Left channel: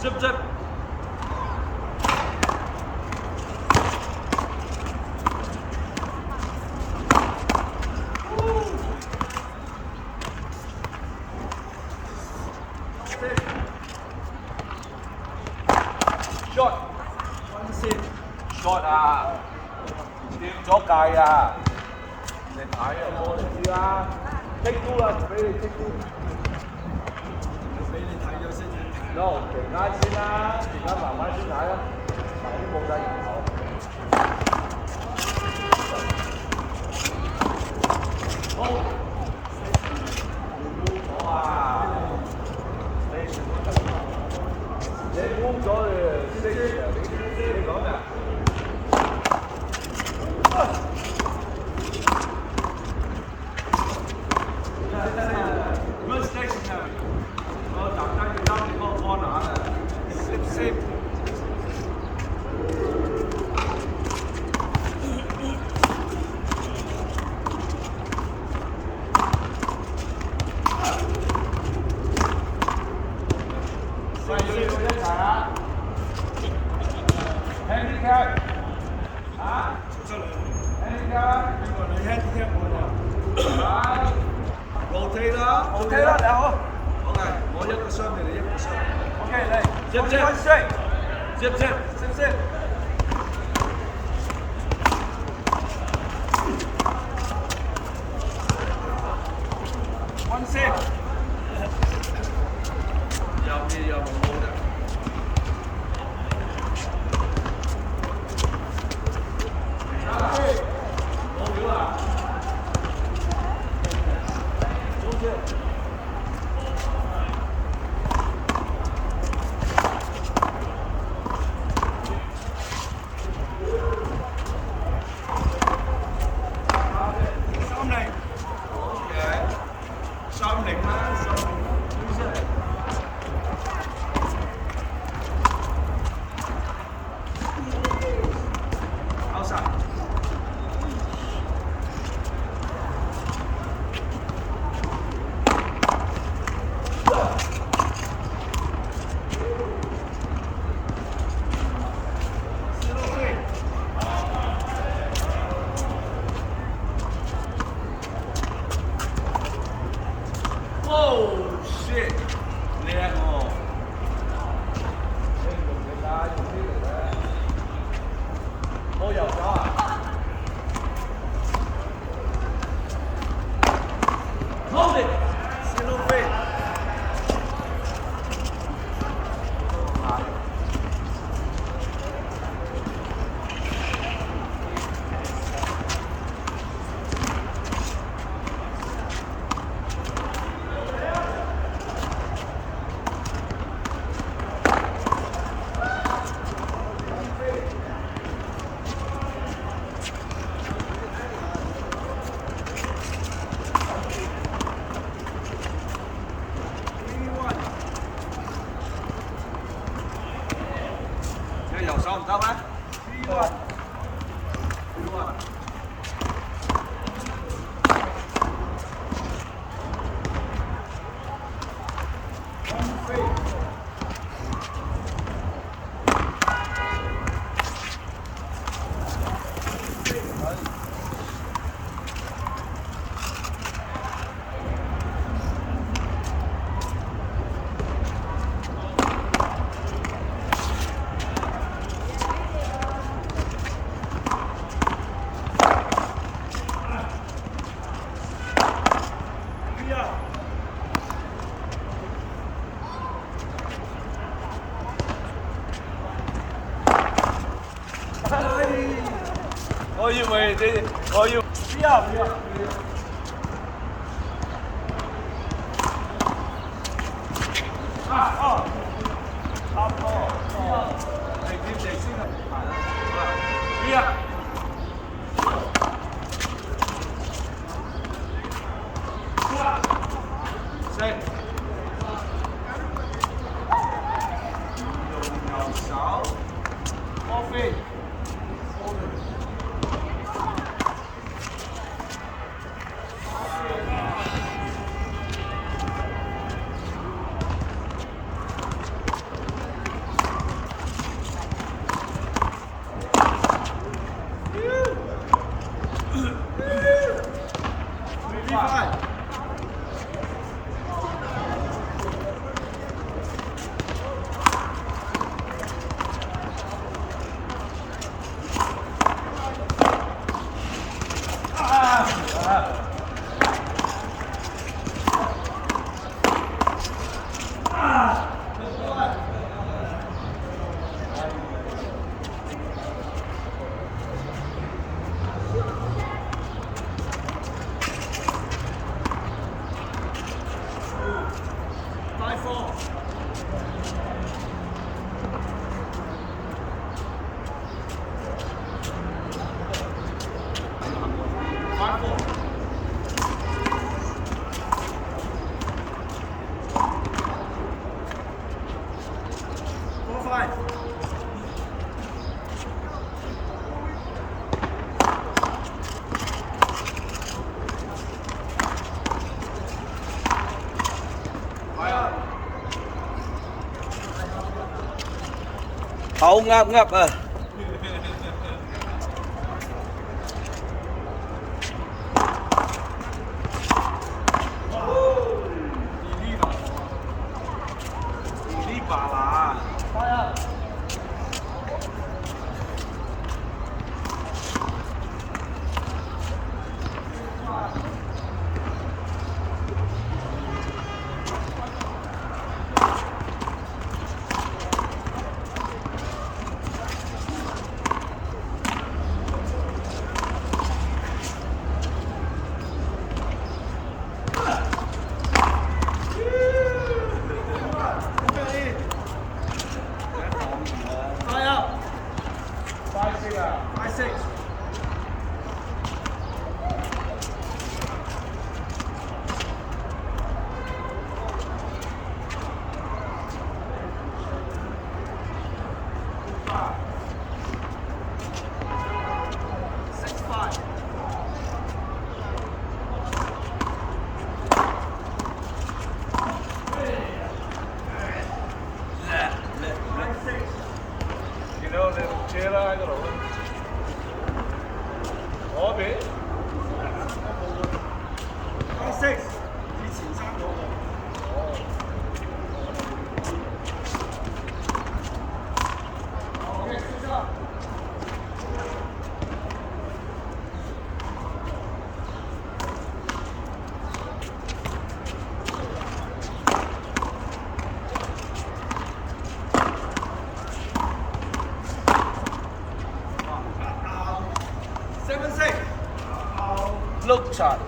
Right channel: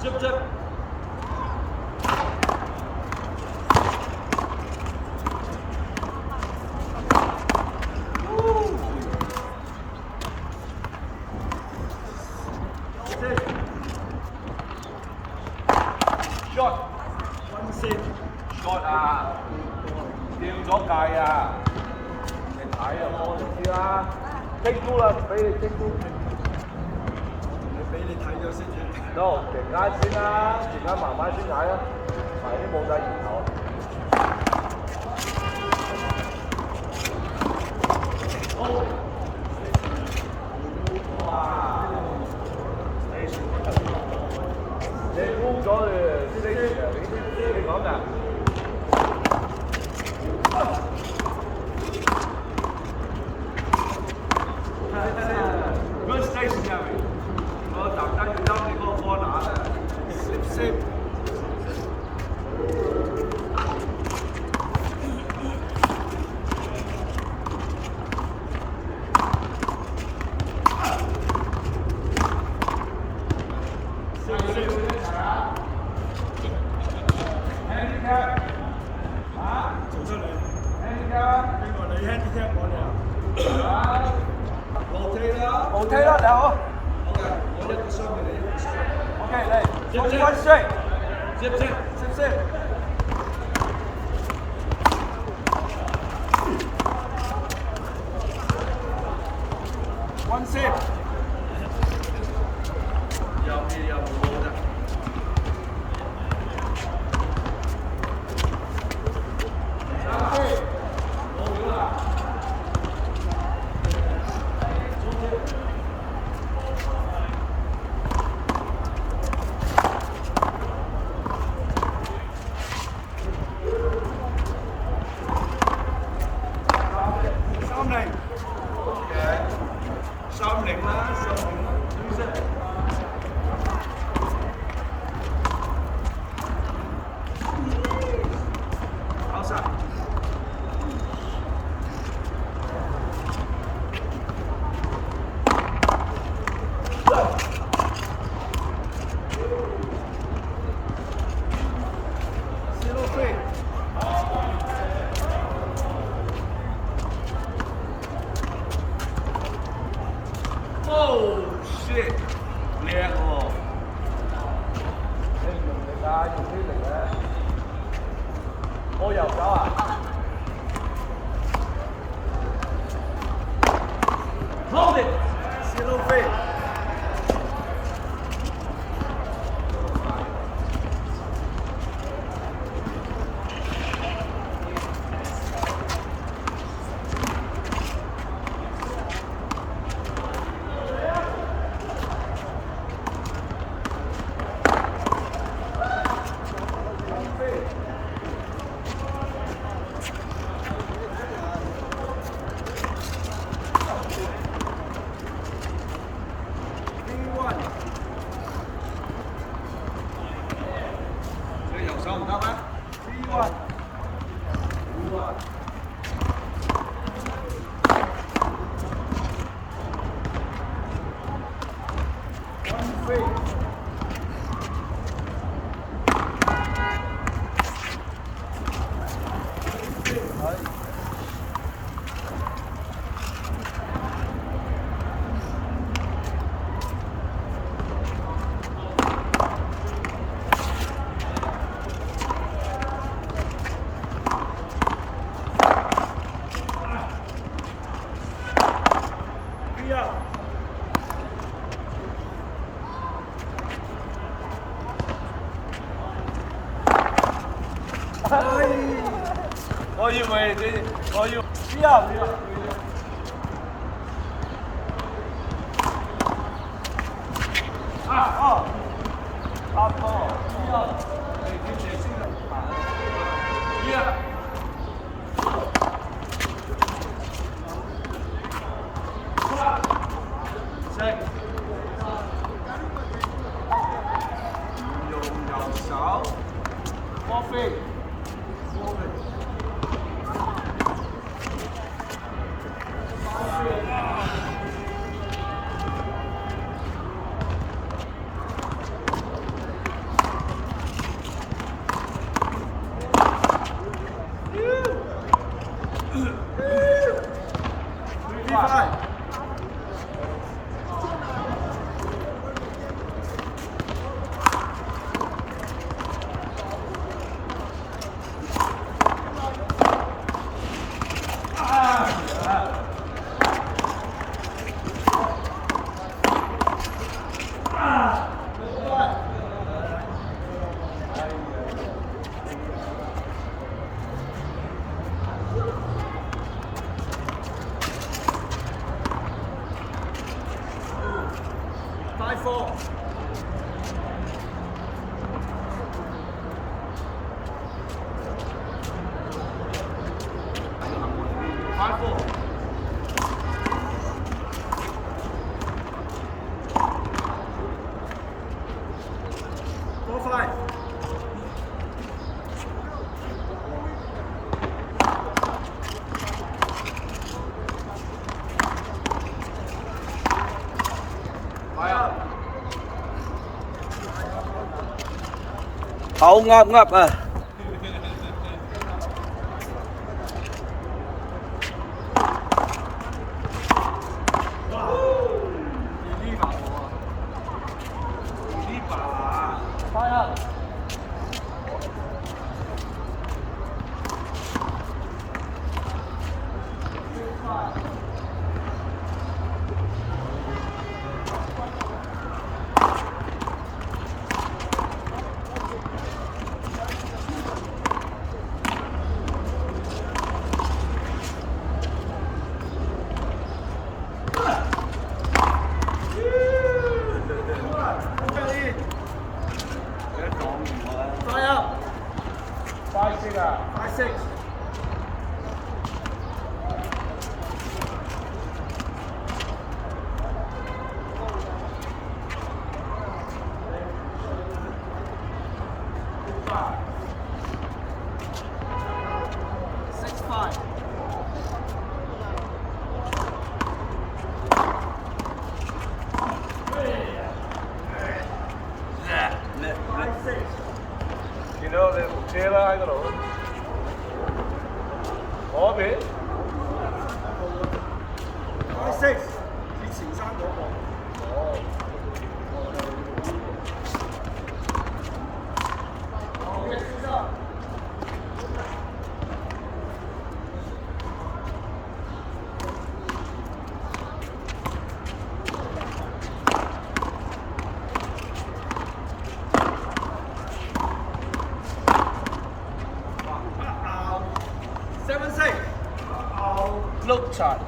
Zip zip. Shot. One save. Shot 啊，掉咗界啊！你睇啊，波你知啦，take two 啦，俾你 take two。我同你俾你睇咗先至。no，陣間先啦，陣間慢慢先睇啦，嗱啲冇晒源頭啊。好，你估咗啊？你估咗你講咩？Good station, Gary. 我特登要陰你嗰個波乸啊！細細路一齊啊 ！Handicap 啊！做出嚟。Handicap 邊個你 handicap 我哋啊？rotate 啦 ，OK 啦，大佬。OK，我一個箱你哋一個箱。OK，嚟，接接。One save。有咩有冇冇啫？冇料啊！30啦，30啦，追啫。outside。Oh shit！叻喎！你唔用力啊，用啲力啊！我右手啊 ！Hold it！ Zero fade。你右手唔得咩？One fade。我以為你，我要不要。啊哦，差唔多哦，你貼地先啦，好啦，不要。四，用右手，波飛。35. Hậu ngập ngập à. Đi bà là. You know the Taylor I got over. Có bé. 6. 以前生嗰個。哦。好嘅，先生。7 6. Look shot.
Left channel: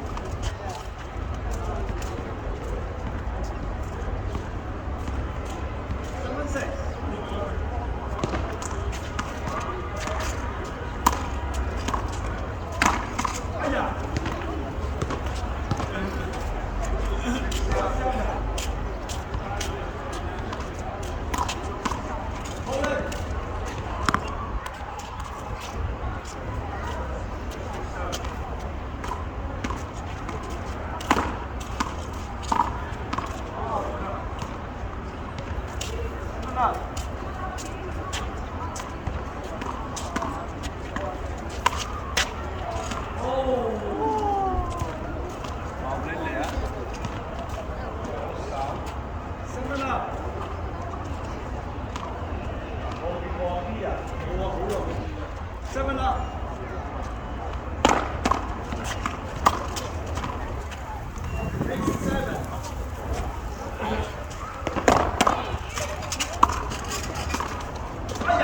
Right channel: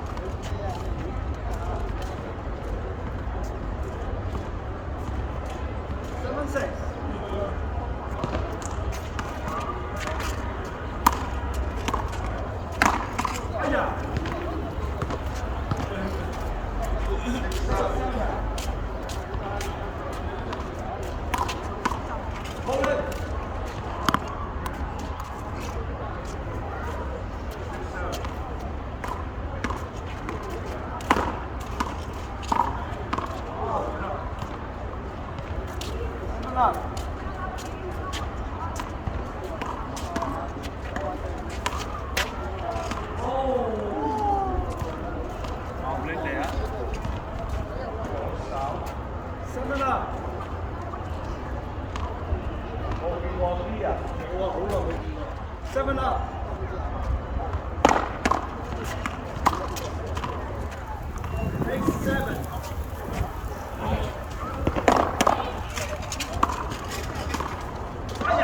Lên lẻ. 7 up. 我見過啲啊。冇啊，好耐未見過。7 up. 7. 哎呀！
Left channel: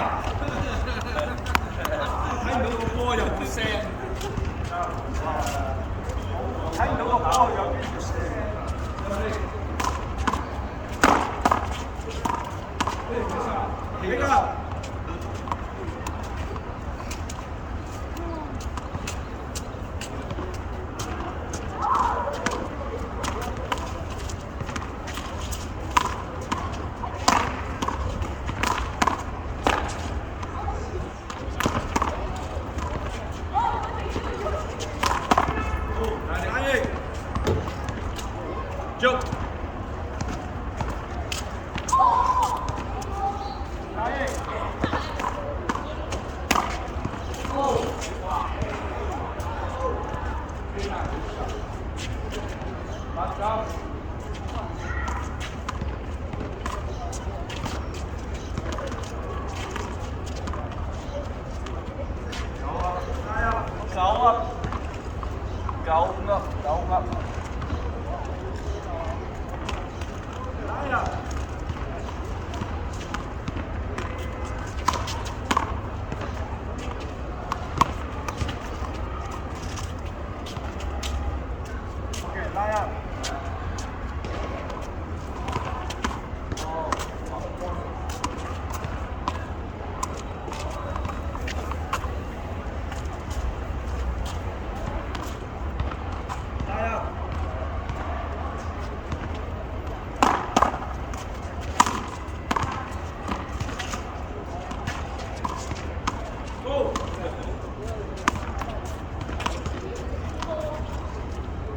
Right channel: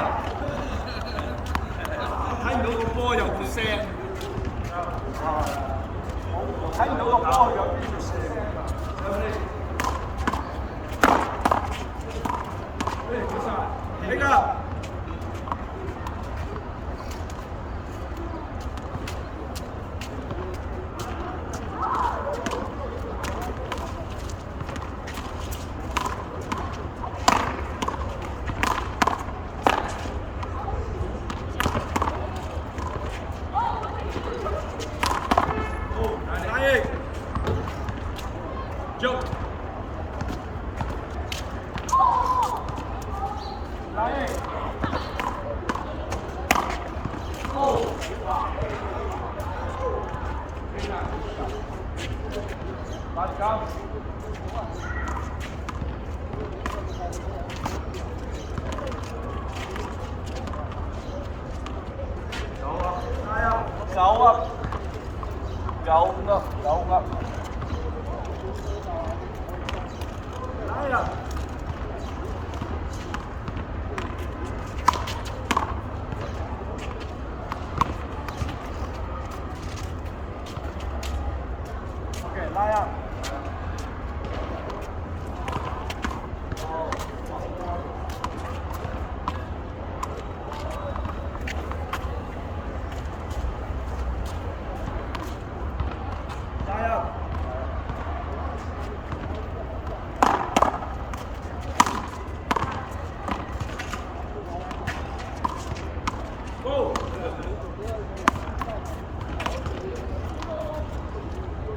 睇唔到個波有冇聲。睇唔到個波有冇聲嘅。呢個。Jump. 8 9 up. Go up. Okay, lie out. Oh, wow. Lie out. Go.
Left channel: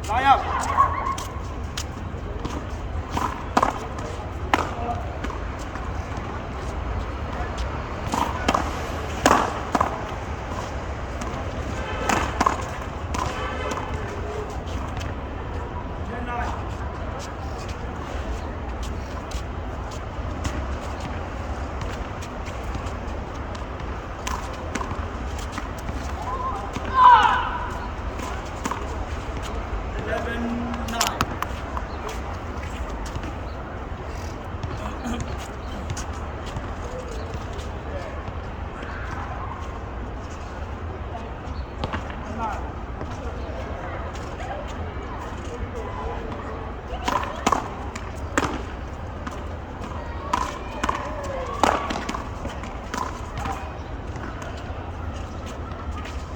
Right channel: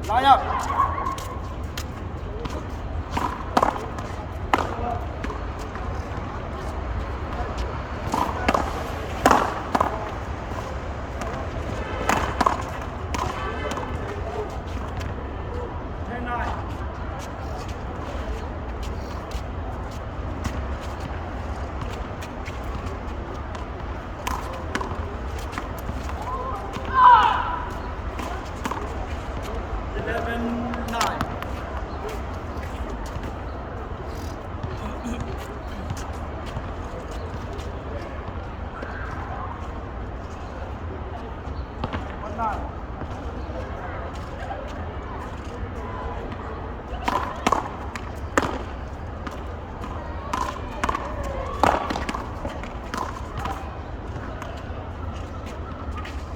Lie out. 10-9. Eleven, 9. One 9.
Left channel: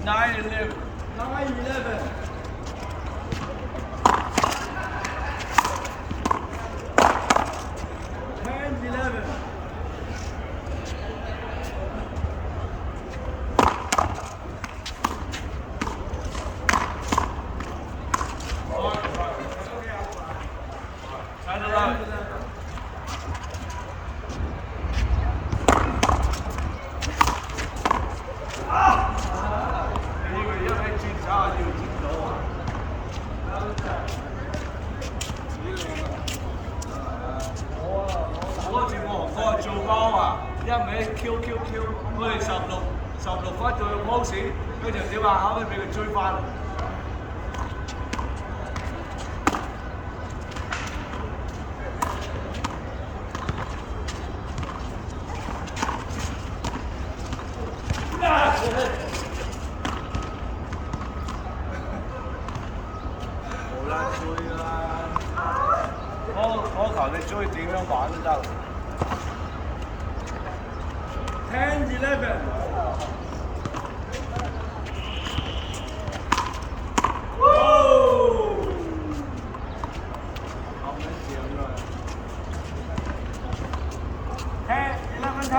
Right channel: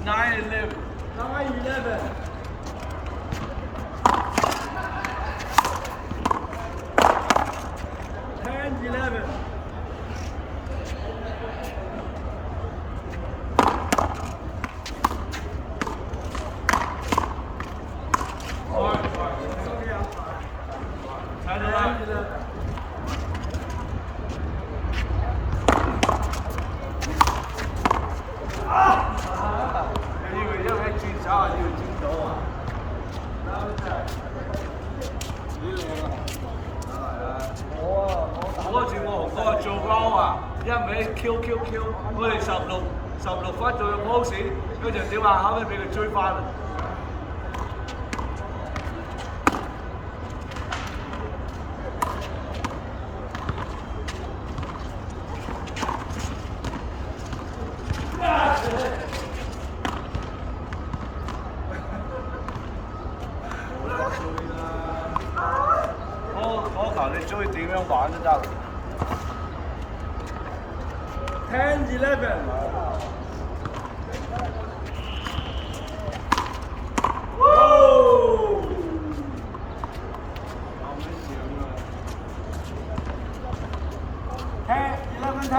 Nine 11. 9-11. 10-11. Ten 11. 11.嗰個節目嗰個做鳩啊，一味 Q，我哋16分做咗 pose，佢就點啊？後尾俾佢追翻啦。冇啦，追啦！嗰球你追點樣玩都得。 10-11. Whoa! 咁樣樣啊！ 10-11-10.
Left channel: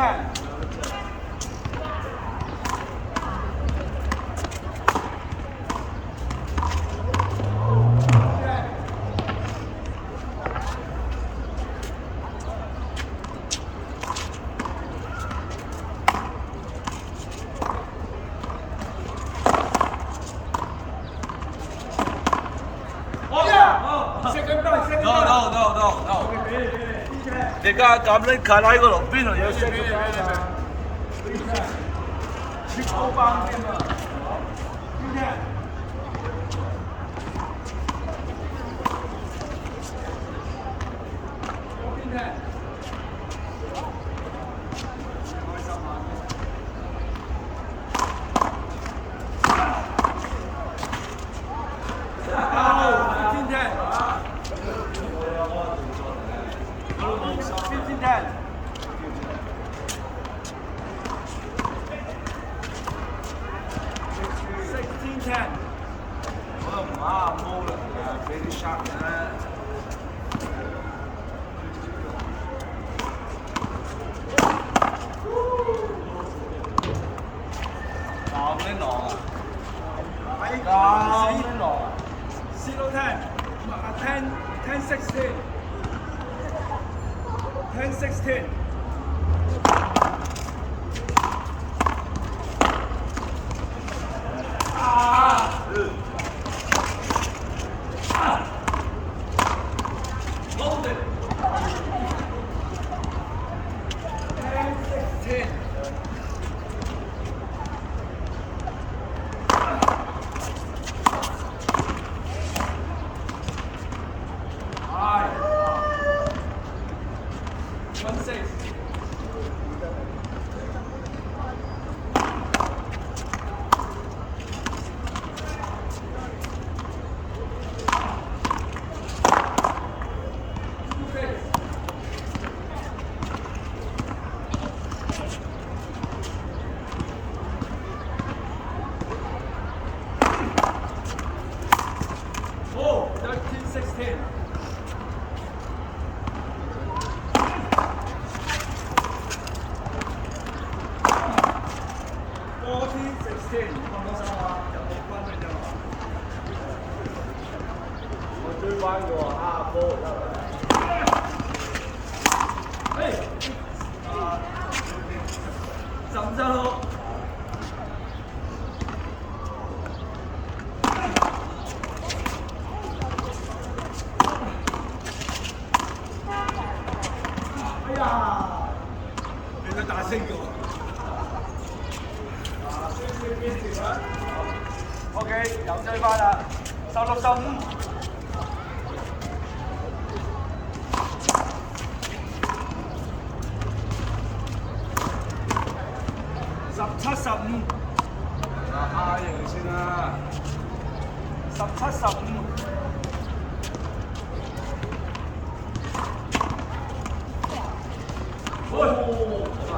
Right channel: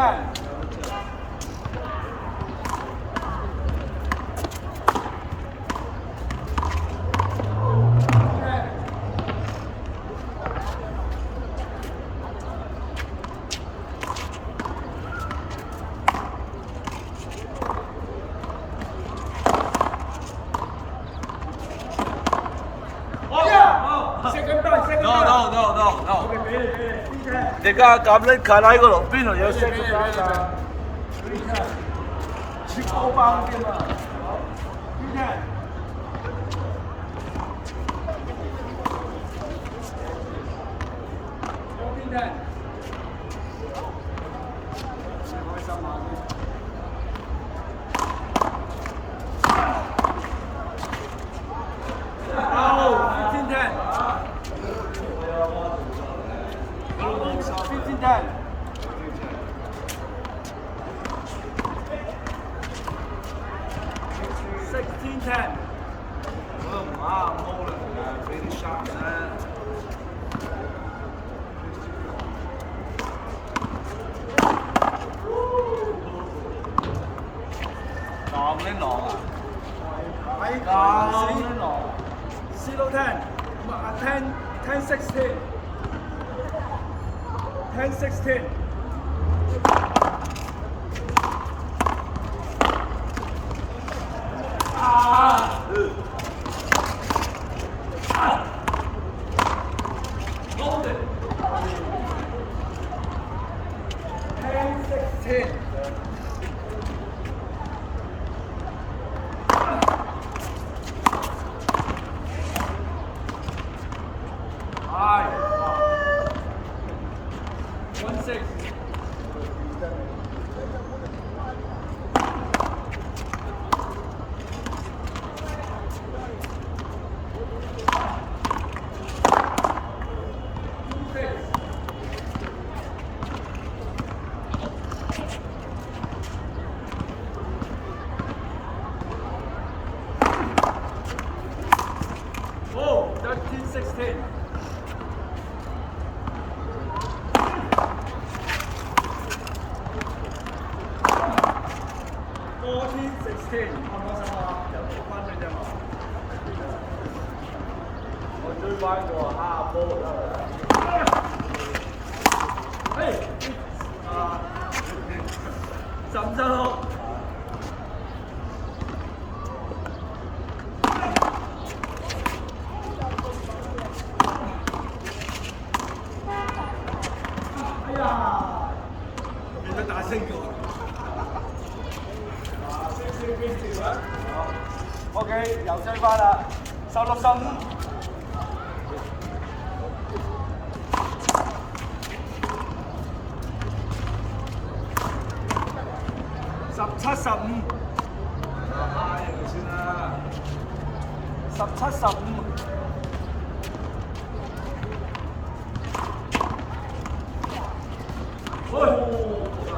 Second time. No. Okay, finish. 你家咁拎近喺嗰度，邊度有雙腳包㗎？ 9包啫嘛。14-10. Oh, 15-10. 我有嗰個動作嚟嘅，我都冇心啊。 15-10. 16-10. 我都唔啱毛啦，俾啲 shot 你啦。咁拎落啊！咁拎落啊！ Zero 10. 10-16. 10-16. High. 1-6. Oh, 13-16. 14-16，看唔開心啊？有6分嘅啫嘛。我追翻個蝦波就得啦。15-16。哎呀，變咗大聲咗。OK， 又追翻啦，16-15。17-15。蝦贏先啦。17-15。好啦。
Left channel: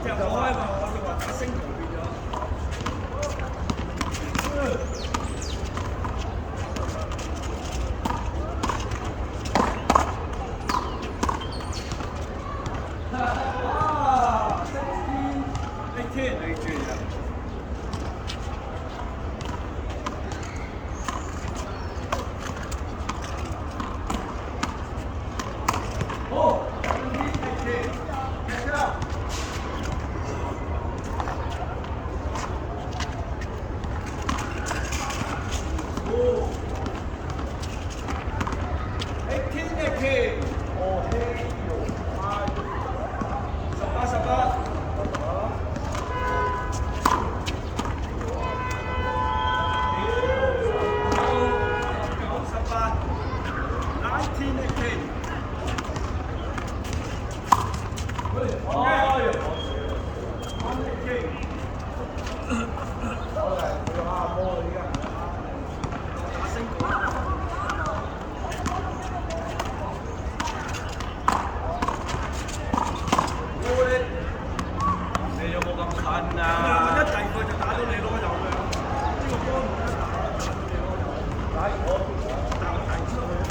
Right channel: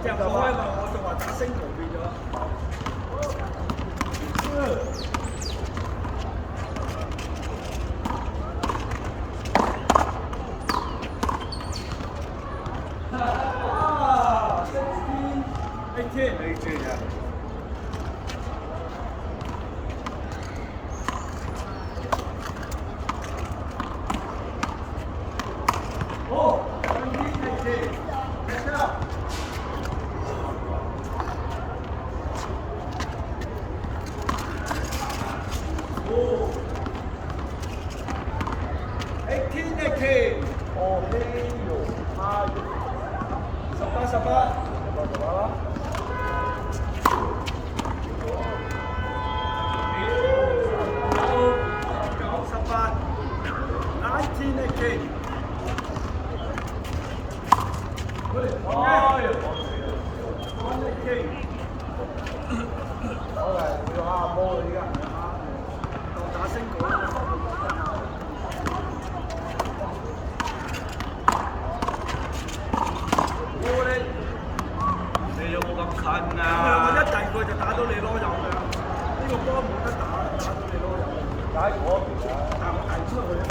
隻開嘛，我仲話打星球變咗。16-18 啊！哦，17-18，睇下。Oh, 18-18。哦，呢度18-18。19-18。19-18。哎呀，講死啦！ 1-18。好嘅，佢用蝦波啦依家。打星果啊！你有冇咁近我啊？一近佢就打到你咯，有㗎。呢個波冇得打，打到你咯。打嗰邊啊！打球出去啊嘛。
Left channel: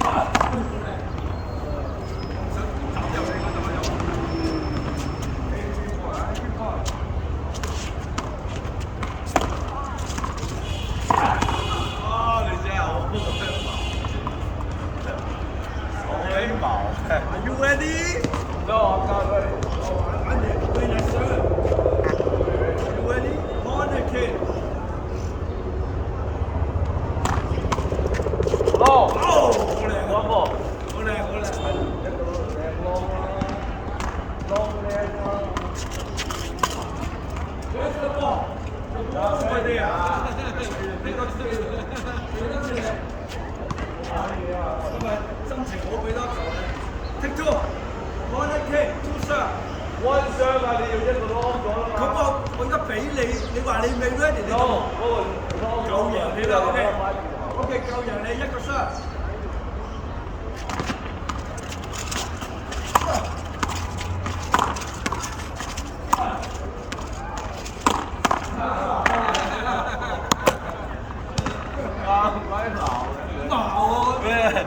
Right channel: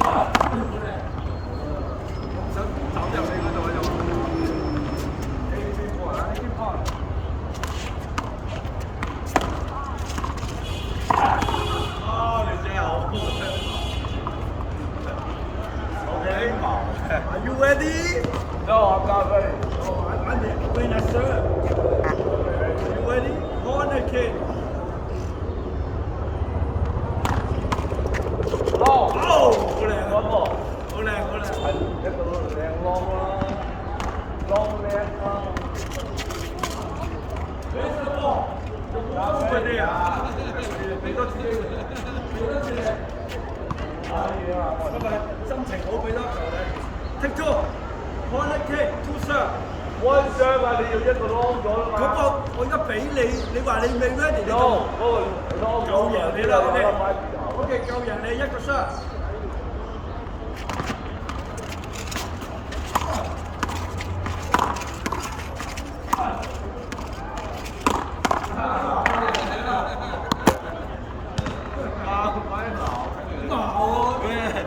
好靚。我唔想走入你嗰度又。18過嚟。啊！你真係好鬼矛，好你矛嘅。Are you ready? No, I'm not ready. Oh, I'm ready. When I serve. Are you ready? Corner kick. Long. 好靚。 One more. 好靚，好靚。係一個靚 long 啦，long 靚啦。佢一個波，仲冇快啲啊！俾多次機會，俾多次你。可以啊，今日心情好，俾多球你。Take two, corner kick, two serve. one serve 啊，你要一個 long 咗啦嘛。咁我而家俾你，你話你未 ready， 你就 long 嗰個 long 夠贏你啦，OK。頭。 OK， 夠贏你一個 shot。啱鬼鬧嘅。鬧喎！咩？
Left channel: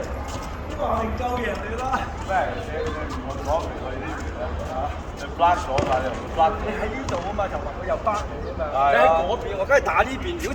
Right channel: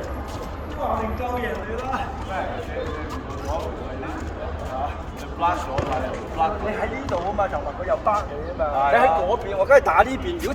都話明夠贏你啦。咩？你唔去講佢呢邊咧嚇？你 blast 咗嘛？你又會 blast 咗。你喺呢度啊嘛，就問佢又 back 你啊嘛。係啊你喺嗰邊，我梗係打呢邊。如果